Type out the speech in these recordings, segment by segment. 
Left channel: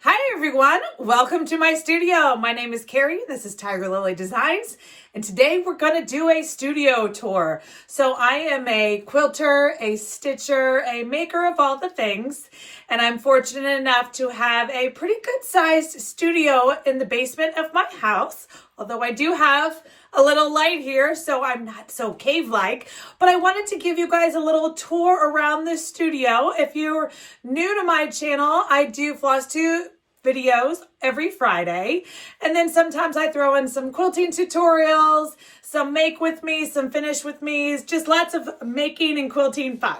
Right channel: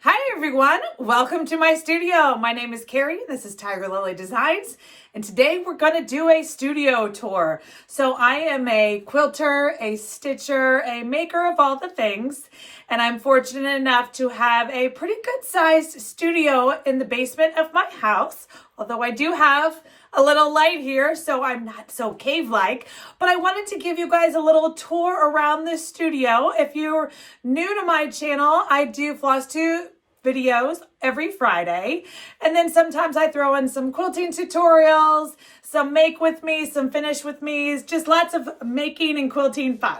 Hi everyone, welcome to my studio. My name is Carrie, this is Tiger Lily Designs, and today we're going to do a studio tour. So I am a quilter, a stitcher, a maker of all the things, and I'm fortunate enough to have a pretty good sized studio in the basement of my house, although I do have a little light here, so I'm not so cave-like, but I wanted to give you guys a little tour around this studio. If you're new to my channel, I do floss tube videos every Friday, and then sometimes I throw in some quilting tutorials, some make with me, some finish with me, just lots of making and quilting fun.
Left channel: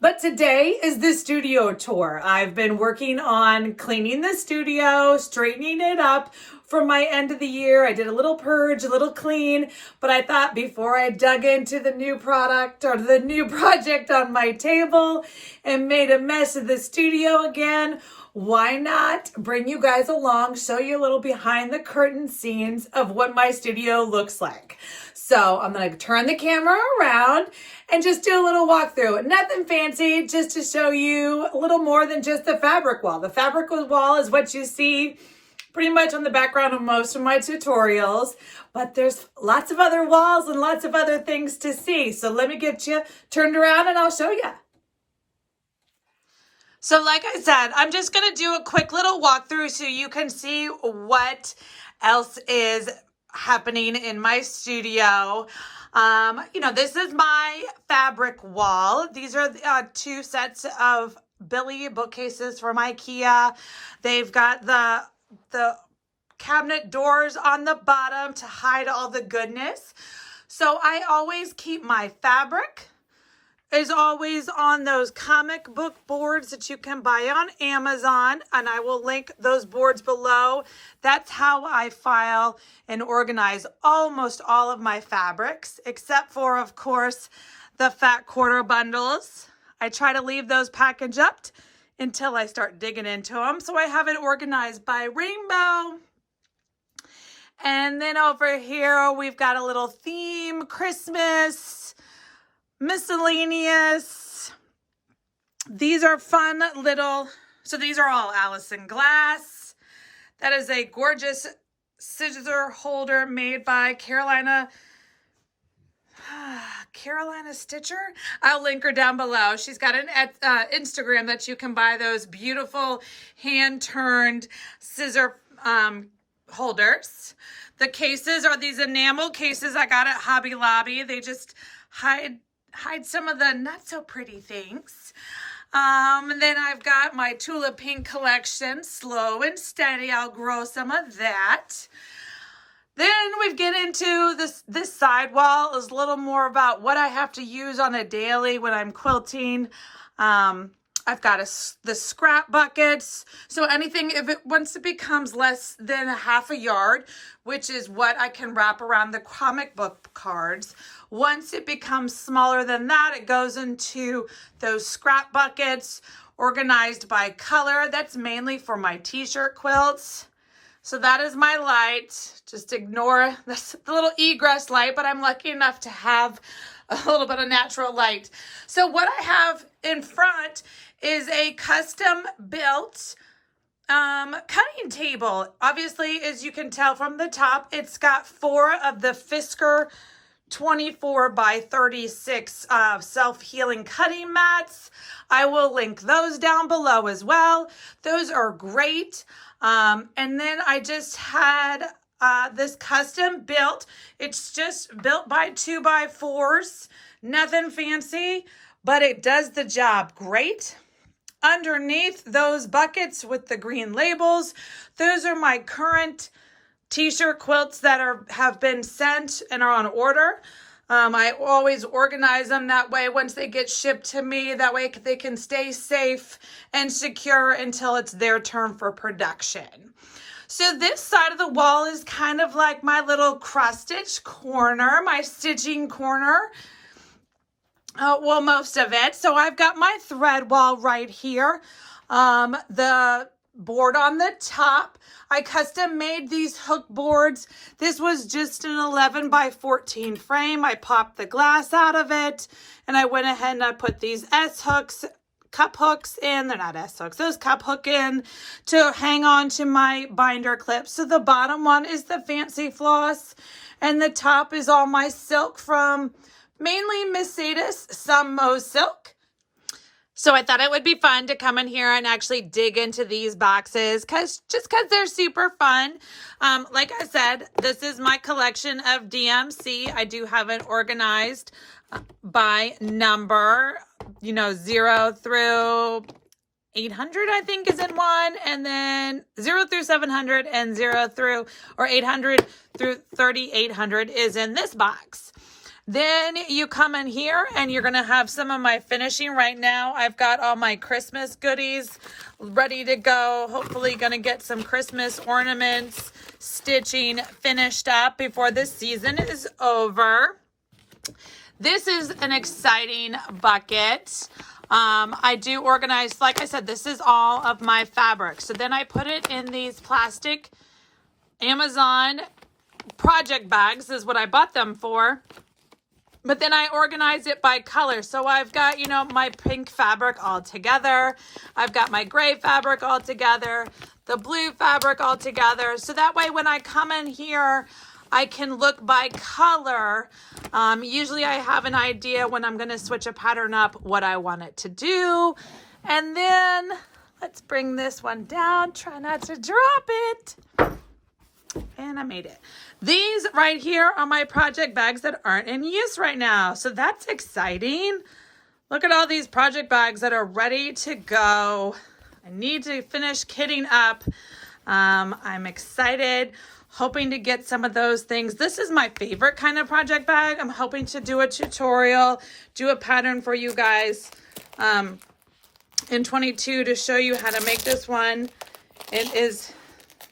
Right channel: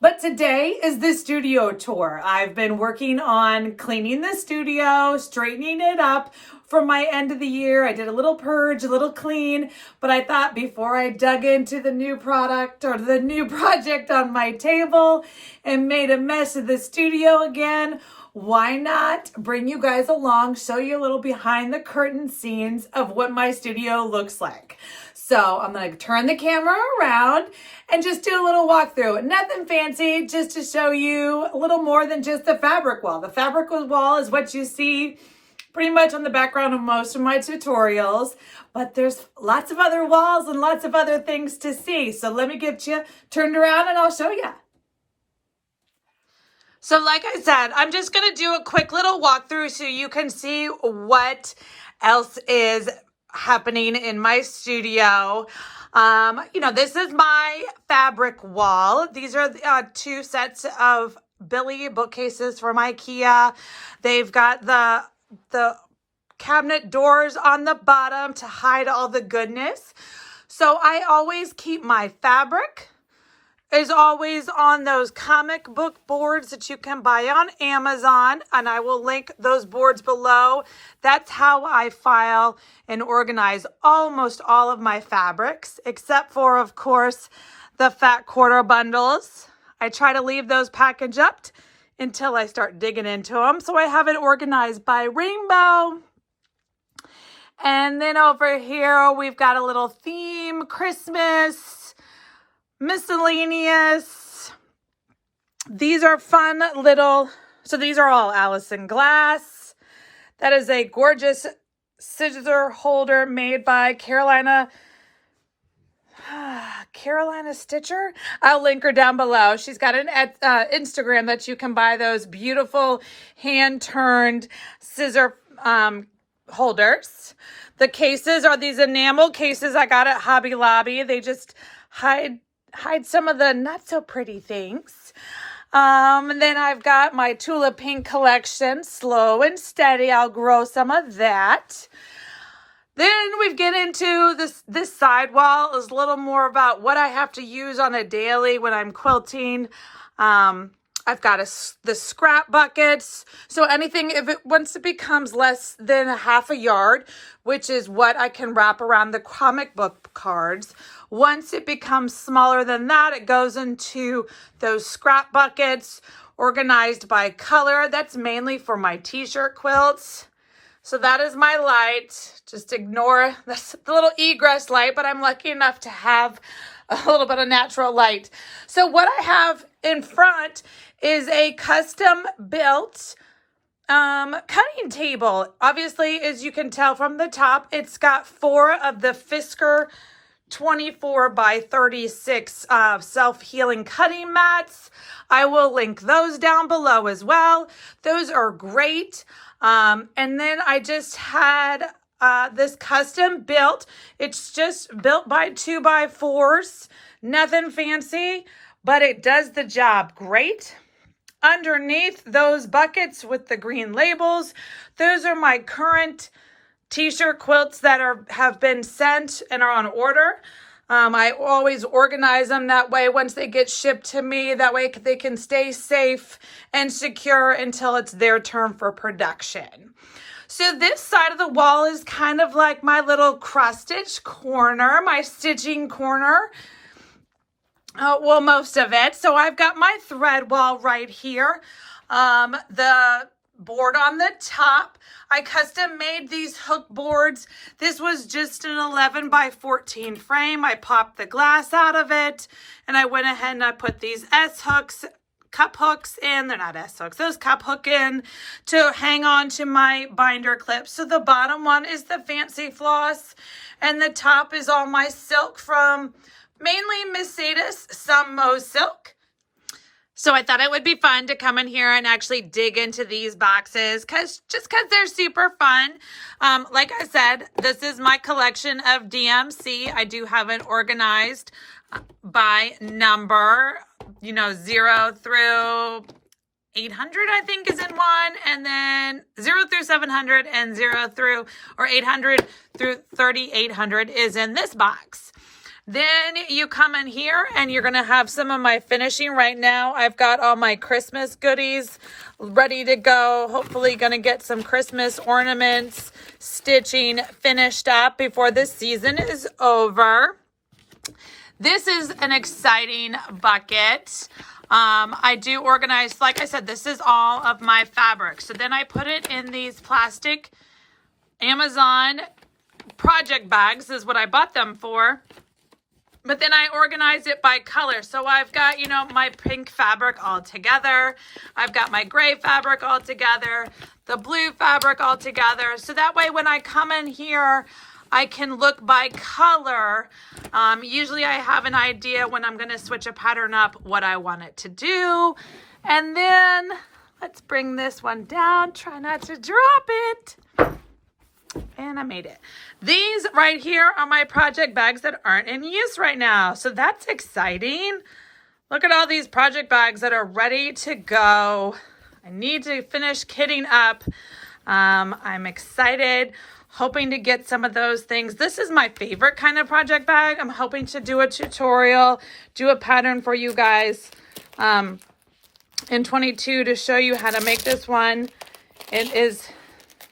But today is the studio tour. I've been working on cleaning the studio, straightening it up for my end of the year. I did a little purge, a little clean, but I thought before I dug into the new product or the new project on my table and made a mess of the studio again, why not bring you guys along, show you a little behind the curtain scenes of what my studio looks like. So I'm going to turn the camera around and just do a little walkthrough. Nothing fancy, just to show you a little more than just the fabric wall. The fabric wall is what you see pretty much on the background of most of my tutorials, but there's lots of other walls and lots of other things to see. So let me get you turned around and I'll show you. So like I said, I'm just going to do a quick little walkthrough so you can see what else is happening in my studio. This is my fabric wall. These are two sets of Billy bookcases from IKEA. They've got the cabinet doors on the bottom to hide all the goodness. So I always keep my fabric is always on those comic book boards that you can buy on Amazon, and I will link those boards below. That's how I file and organize almost all of my fabrics, except for, of course, the fat quarter bundles. I try to leave those packaged up until I start digging into them. So I have it organized by rainbow. And then over here, we've got a little theme, Christmas, miscellaneous. These are fun little, so these are all Allison glass. That is a gorgeous scissor holder made by Carolina Stitcher. I'll link her down below. She's got an Instagram that you can buy those beautiful hand-turned scissor holders. The cases are these enamel cases I got at Hobby Lobby. They just hide some of the not so pretty things. And then I've got my Tulip Pink collection, slow and steady. I'll grow some of that. Then we get into this side wall is a little more about what I have to use on a daily when I'm quilting. I've got the scrap buckets. So anything, once it becomes less than a half a yard, which is what I can wrap around the comic book cards. Once it becomes smaller than that, it goes into those scrap buckets organized by color. That's mainly for my t-shirt quilts. So that is my light. Just ignore the little egress light, but I'm lucky enough to have a little bit of natural light. So what I have in front is a custom built cutting table. Obviously, as you can tell from the top, it's got 4 of the Fisker 24 by 36 self-healing cutting mats. I will link those down below as well. Those are great. And then I just had this custom built. It's just built by 2x4s. Nothing fancy, but it does the job great. Underneath those buckets with the green labels, those are my current t-shirt quilts that have been sent and are on order. I always organize them that way once they get shipped to me. That way they can stay safe and secure until it's their turn for production. So this side of the wall is kind of like my little cross-stitch corner, my stitching corner. Well, most of it. So I've got my thread wall right here. The board on the top. I custom made these hook boards. This was just an 11 by 14 frame. I popped the glass out of it and I went ahead and I put these S hooks cup hooks in. They're not S hooks. Those cup hook in to hang on to my binder clips. So the bottom one is the fancy floss, and the top is all my silk from mainly Mercedes, some Mo silk. So I thought it would be fun to come in here and actually dig into these boxes just because they're super fun. Like I said, this is my collection of DMC. I do have it organized by number, 0 through 800, I think, is in one, and then 0 through 700 and 0 through, or 800 through 3800 is in this box. Then you come in here and you're going to have some of my finishing. Right now, I've got all my Christmas goodies ready to go. Hopefully going to get some Christmas ornaments, stitching finished up before this season is over. This is an exciting bucket. I do organize, like I said, this is all of my fabric. So then I put it in these plastic Amazon project bags is what I bought them for. But then I organize it by color. So I've got, my pink fabric all together. I've got my gray fabric all together, the blue fabric all together. So that way when I come in here, I can look by color. Usually I have an idea when I'm going to switch a pattern up, what I want it to do. And then let's bring this one down. Try not to drop it. And I made it. These right here are my project bags that aren't in use right now. So that's exciting. Look at all these project bags that are ready to go. I need to finish kitting up. I'm excited, hoping to get some of those things. This is my favorite kind of project bag. I'm hoping to do a tutorial, do a pattern for you guys in 22 to show you how to make this one. It is...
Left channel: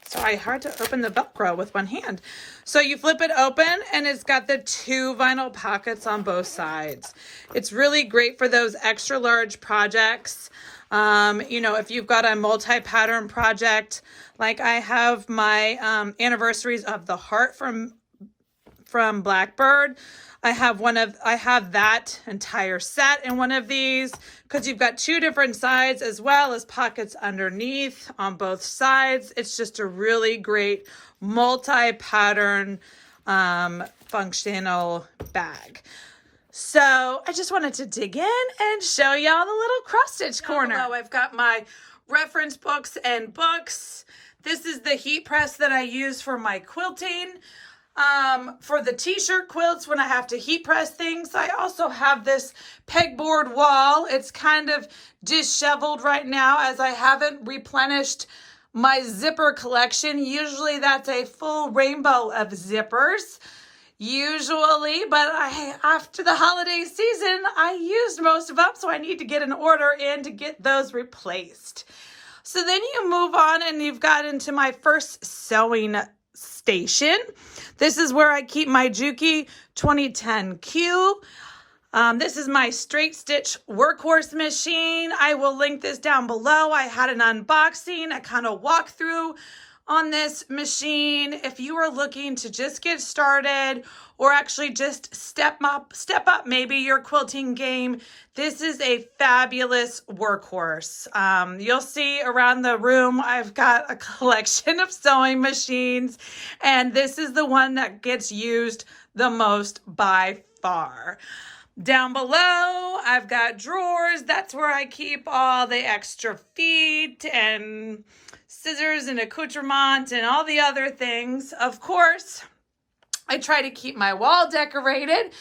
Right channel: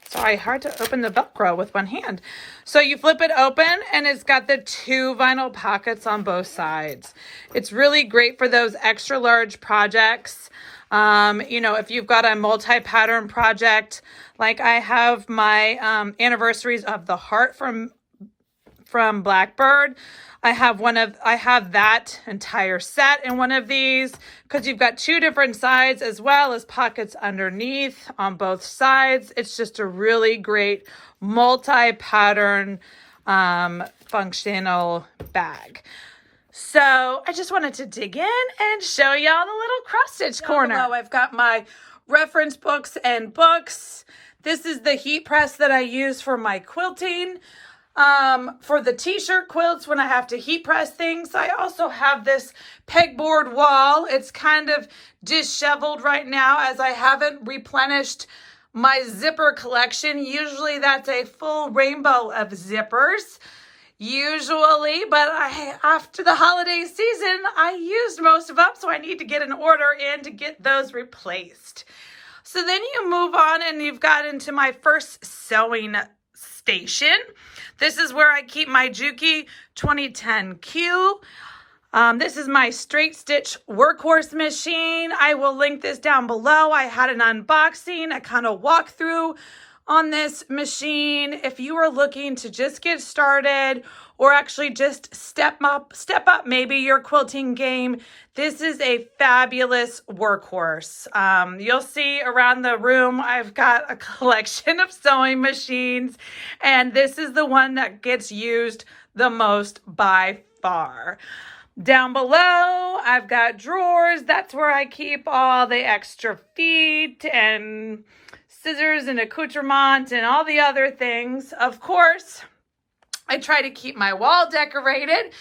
Sorry, hard to open the Velcro with one hand. So you flip it open and it's got the 2 vinyl pockets on both sides. It's really great for those extra large projects. If you've got a multi-pattern project, like I have my anniversaries of the heart from Blackbird. I have that entire set in one of these because you've got 2 different sides as well as pockets underneath on both sides. It's just a really great multi-pattern functional bag. So I just wanted to dig in and show y'all the little cross stitch corner. Below, I've got my reference books and books. This is the heat press that I use for my quilting. For the t-shirt quilts when I have to heat press things. I also have this pegboard wall. It's kind of disheveled right now as I haven't replenished my zipper collection. Usually that's a full rainbow of zippers. Usually, but after the holiday season, I used most of them, so I need to get an order in to get those replaced. So then you move on and you've got into my first sewing station. This is where I keep my Juki 2010Q. This is my straight stitch workhorse machine. I will link this down below. I had an unboxing, a kind of walkthrough on this machine. If you are looking to just get started or actually just step up maybe your quilting game, this is a fabulous workhorse. You'll see around the room, I've got a collection of sewing machines, and this is the one that gets used the most by far. Down below, I've got drawers. That's where I keep all the extra feet and scissors and accoutrements and all the other things. Of course, I try to keep my wall decorated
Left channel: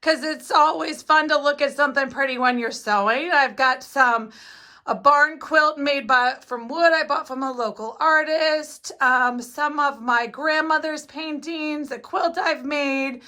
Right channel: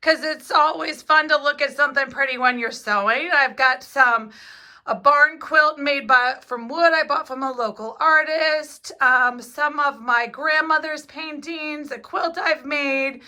because it's always fun to look at something pretty when you're sewing. I've got a barn quilt made from wood I bought from a local artist. Some of my grandmother's paintings, a quilt I've made.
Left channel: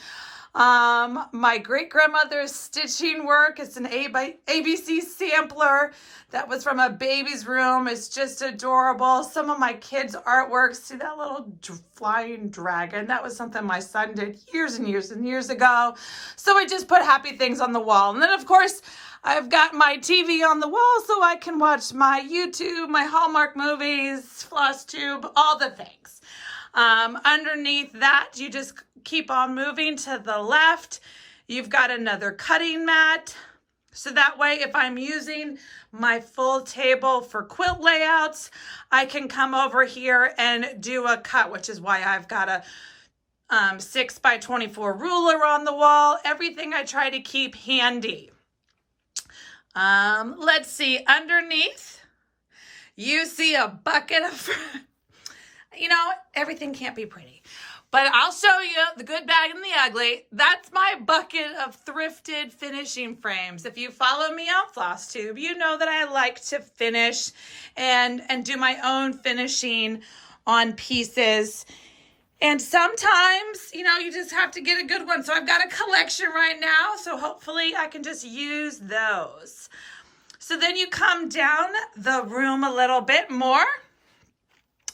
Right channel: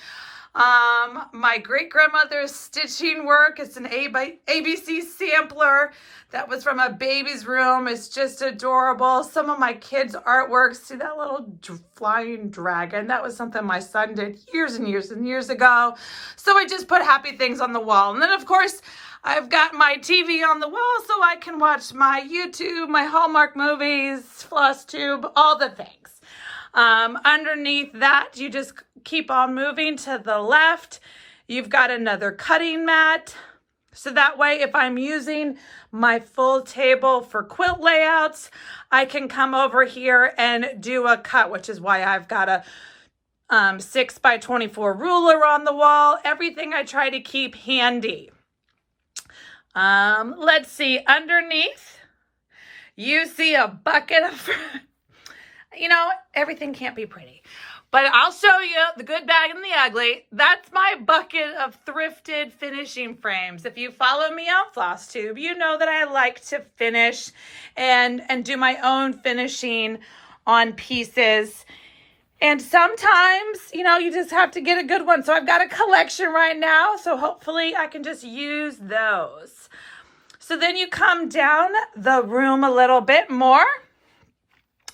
My great-grandmother's stitching work. It's an ABC sampler that was from a baby's room. It's just adorable. Some of my kids' artwork. See that little flying dragon? That was something my son did years and years and years ago. So I just put happy things on the wall. And then, of course, I've got my TV on the wall so I can watch my YouTube, my Hallmark movies, floss tube, all the things. Underneath that, you just keep on moving to the left. You've got another cutting mat. So that way, if I'm using my full table for quilt layouts, I can come over here and do a cut, which is why I've got a 6 by 24 ruler on the wall. Everything I try to keep handy. Let's see, underneath, you see a bucket of, you know, everything can't be pretty. But I'll show you the good, bad, and the ugly. That's my bucket of thrifted finishing frames. If you follow me on FlossTube, you know that I like to finish and do my own finishing on pieces. And sometimes, you know, you just have to get a good one. So I've got a collection right now, so hopefully I can just use those. So then you come down the room a little bit more,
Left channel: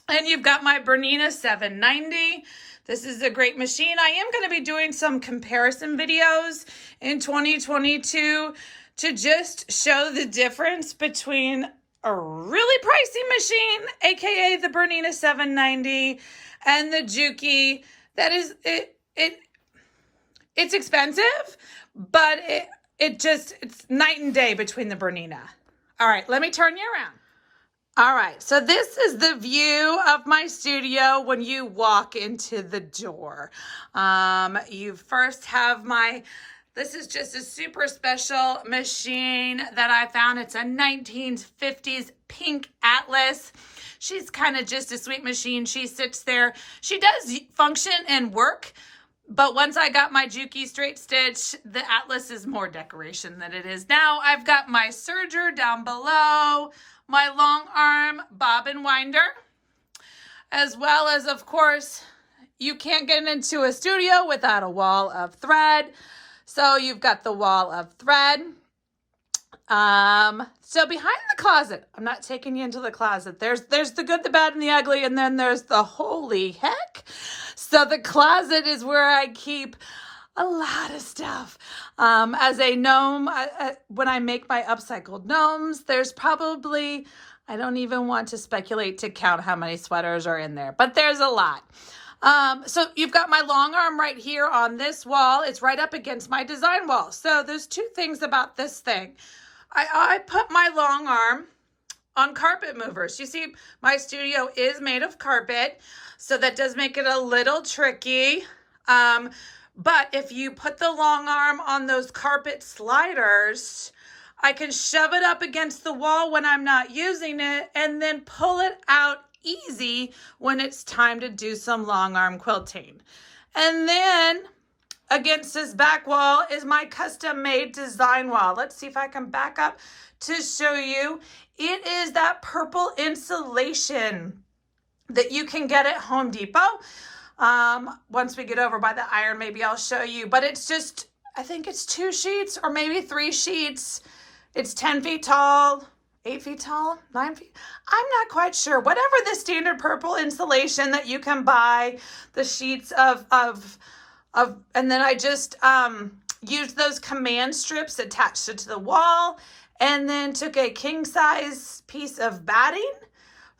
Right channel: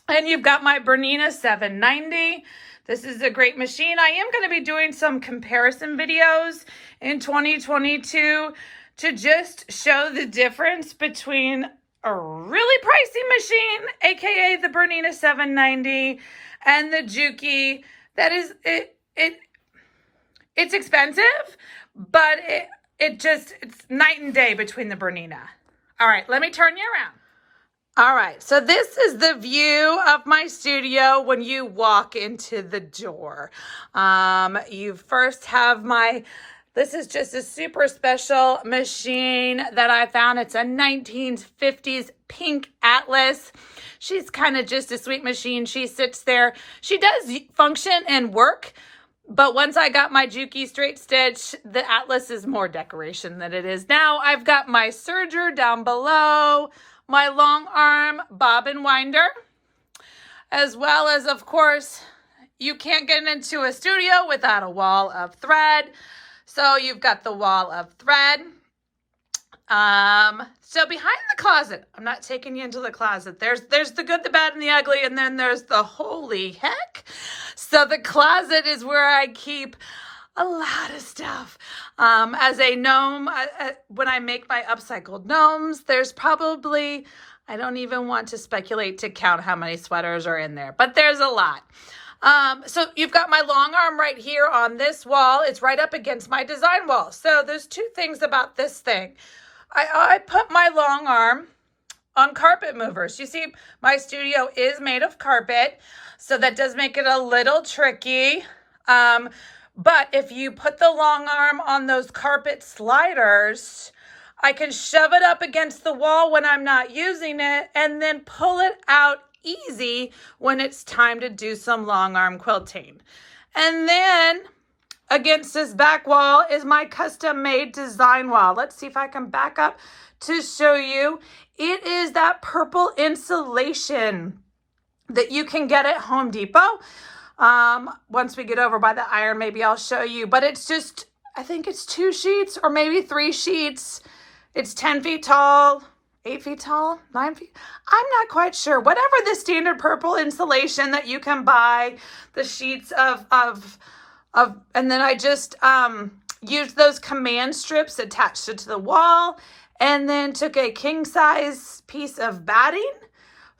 and you've got my Bernina 790. This is a great machine. I am going to be doing some comparison videos in 2022 to just show the difference between a really pricey machine, aka the Bernina 790, and the Juki. That is it's expensive, but it's night and day between the Bernina. All right, let me turn you around. All right, so this is the view of my studio when you walk into the door. You first have this is just a super special machine that I found. It's a 1950s pink Atlas. She's kind of just a sweet machine. She sits there. She does function and work, but once I got my Juki straight stitch, the Atlas is more decoration than it is now. I've got my serger down below, my long arm bobbin winder, as well as, of course, you can't get into a studio without a wall of thread. So you've got the wall of thread. So behind the closet, I'm not taking you into the closet. There's the good, the bad, and the ugly, and then there's the holy heck. So the closet is where I keep a lot of stuff. As a gnome, when I make my upcycled gnomes, there's probably, I don't even want to speculate to count how many sweaters are in there, but there's a lot. So you've got my long arm right here on this wall. It's right up against my design wall. So there's two things about this thing. I put my long arm on carpet movers. You see, my studio is made of carpet, so that does make it a little tricky. But if you put the long arm on those carpet sliders, I can shove it up against the wall when I'm not using it and then pull it out easy when it's time to do some long arm quilting. And then against this back wall is my custom made design wall. Let's see if I can back up to show you. It is that purple insulation that you can get at Home Depot. Once we get over by the iron, maybe I'll show you, but it's just, I think it's 2 sheets or maybe 3 sheets. It's 10 feet tall, 8 feet tall, 9 feet. I'm not quite sure. Whatever the standard purple insulation that you can buy, the sheets of, and then I just, used those command strips, attached it to the wall, and then took a king size piece of batting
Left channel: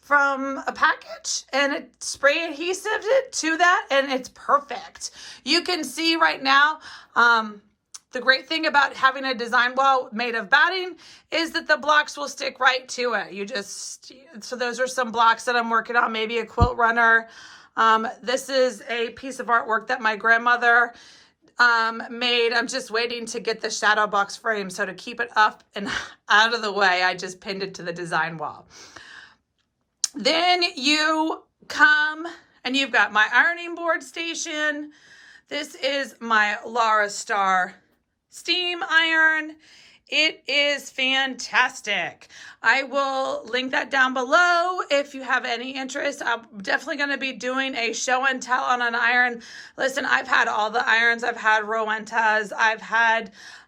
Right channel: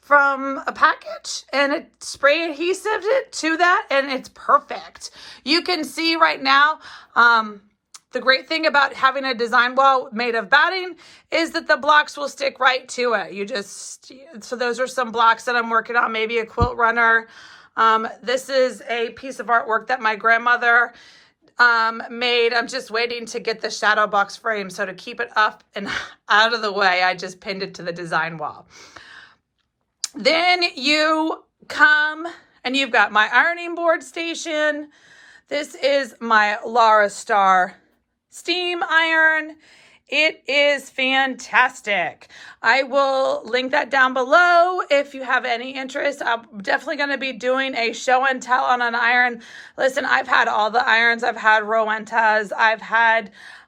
from a package and it spray adhesive it to that, and it's perfect. You can see right now, the great thing about having a design wall made of batting is that the blocks will stick right to it. So those are some blocks that I'm working on, maybe a quilt runner. This is a piece of artwork that my grandmother made. I'm just waiting to get the shadow box frame. So to keep it up and out of the way, I just pinned it to the design wall. Then you come and you've got my ironing board station. This is my Lara Star steam iron. It is fantastic. I will link that down below if you have any interest. I'm definitely going to be doing a show and tell on an iron. Listen, I've had all the irons. I've had Rowentas.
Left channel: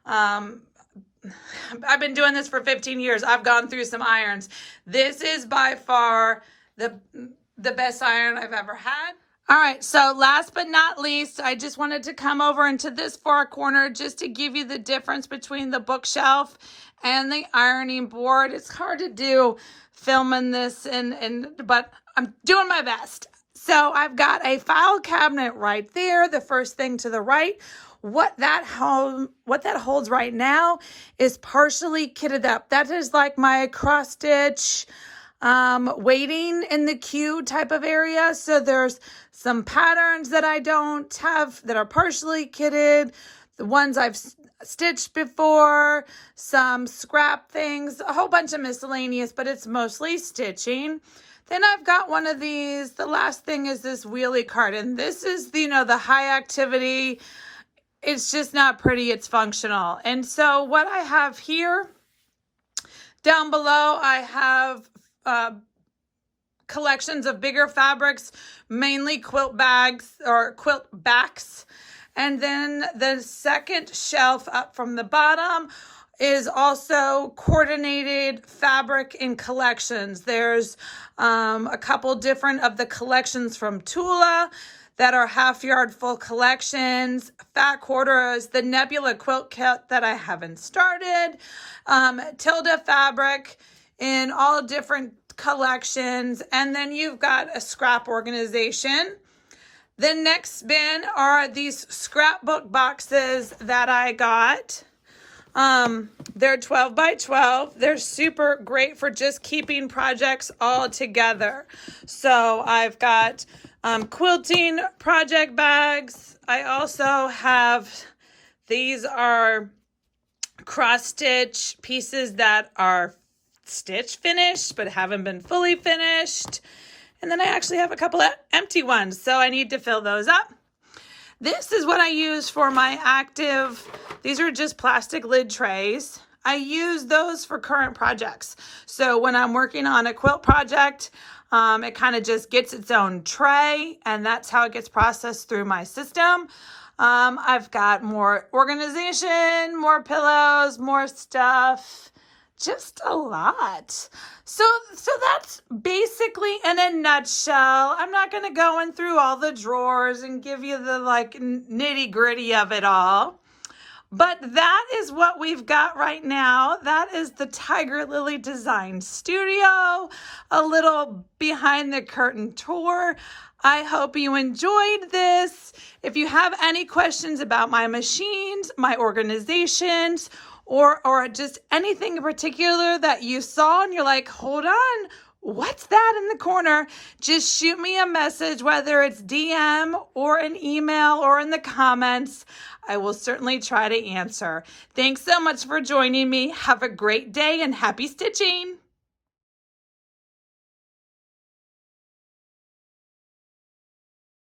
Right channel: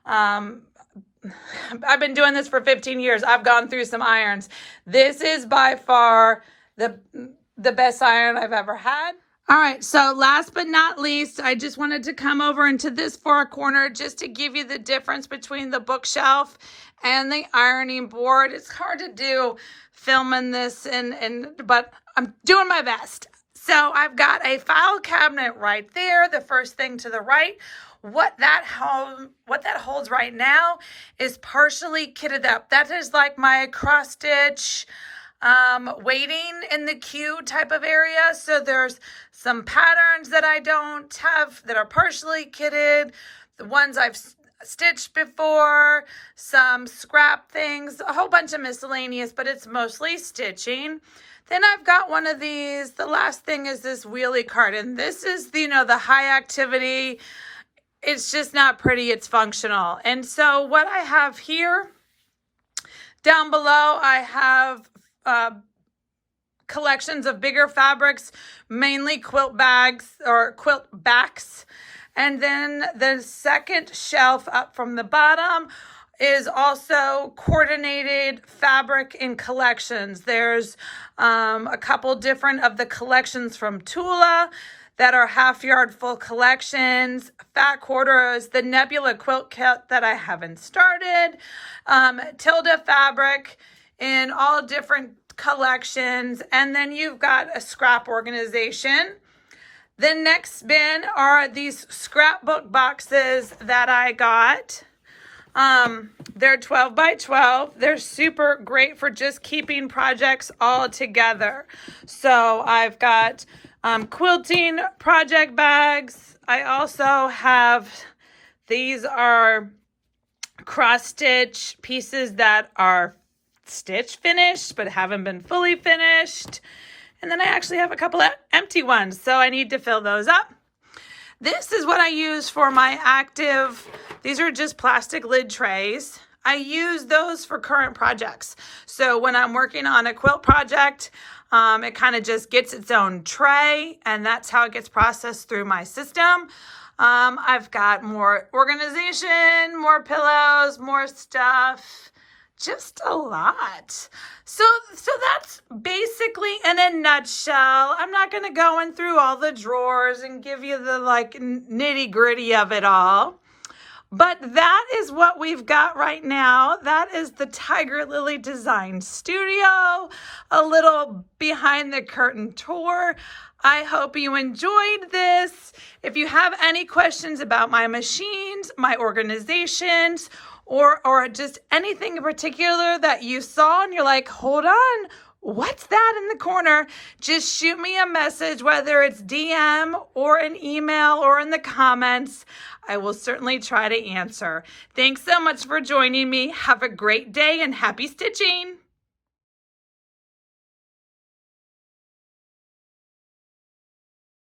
I've been doing this for 15 years. I've gone through some irons. This is by far the best iron I've ever had. All right, so last but not least, I just wanted to come over into this far corner just to give you the difference between the bookshelf and the ironing board. It's hard to do filming this, but I'm doing my best. So I've got a file cabinet right there, the first thing to the right, What that holds right now is partially kitted up. That is like my cross stitch waiting in the queue type of area. So there's some patterns that I don't have that are partially kitted, the ones I've stitched before, some scrap things, a whole bunch of miscellaneous, but it's mostly stitching. Then I've got one of these. The last thing is this wheelie carton. This is, the high activity. It's just not pretty, it's functional. And so what I have here, down below, I have collections of bigger fabrics, mainly quilt bags or quilt backs. And then the second shelf up from the bottom is also coordinated fabric in collections. There's a couple different of the collections from Tula that are half yard full collections, fat quarters, the Nebula quilt kit that I haven't started, Tilda fabric in all different collections, and then you've got a scrap organization. The next bin are these scrapbook boxes that I got. They're 12 by 12. They're super great for just keeping projects all together. So I've got quilting project bags. I also have, these are cross stitch pieces that are stitch finished but haven't been fully finished. And then I actually have a couple of empty ones, so I need to fill those up. This is what I use for my active. These are just plastic lid trays. I use those for current projects. So when I'm working on a quilt project, it kind of just gets its own tray, and that's how it gets processed through my system. I've got more organization, more pillows, more stuff. Just a lot. So that's basically in a nutshell. I'm not going to go in through all the drawers and give you the nitty gritty of it all. But that is what we've got right now. That is the Tiger Lily Design Studio, a little behind the curtain tour. I hope you enjoyed this. If you have any questions about my machines, my organizations, or just anything in particular that you saw and you're like, hold on, what's that in the corner? Just shoot me a message, whether it's DM or an email or in the comments. I will certainly try to answer. Thanks so much for joining me. Have a great day and happy stitching.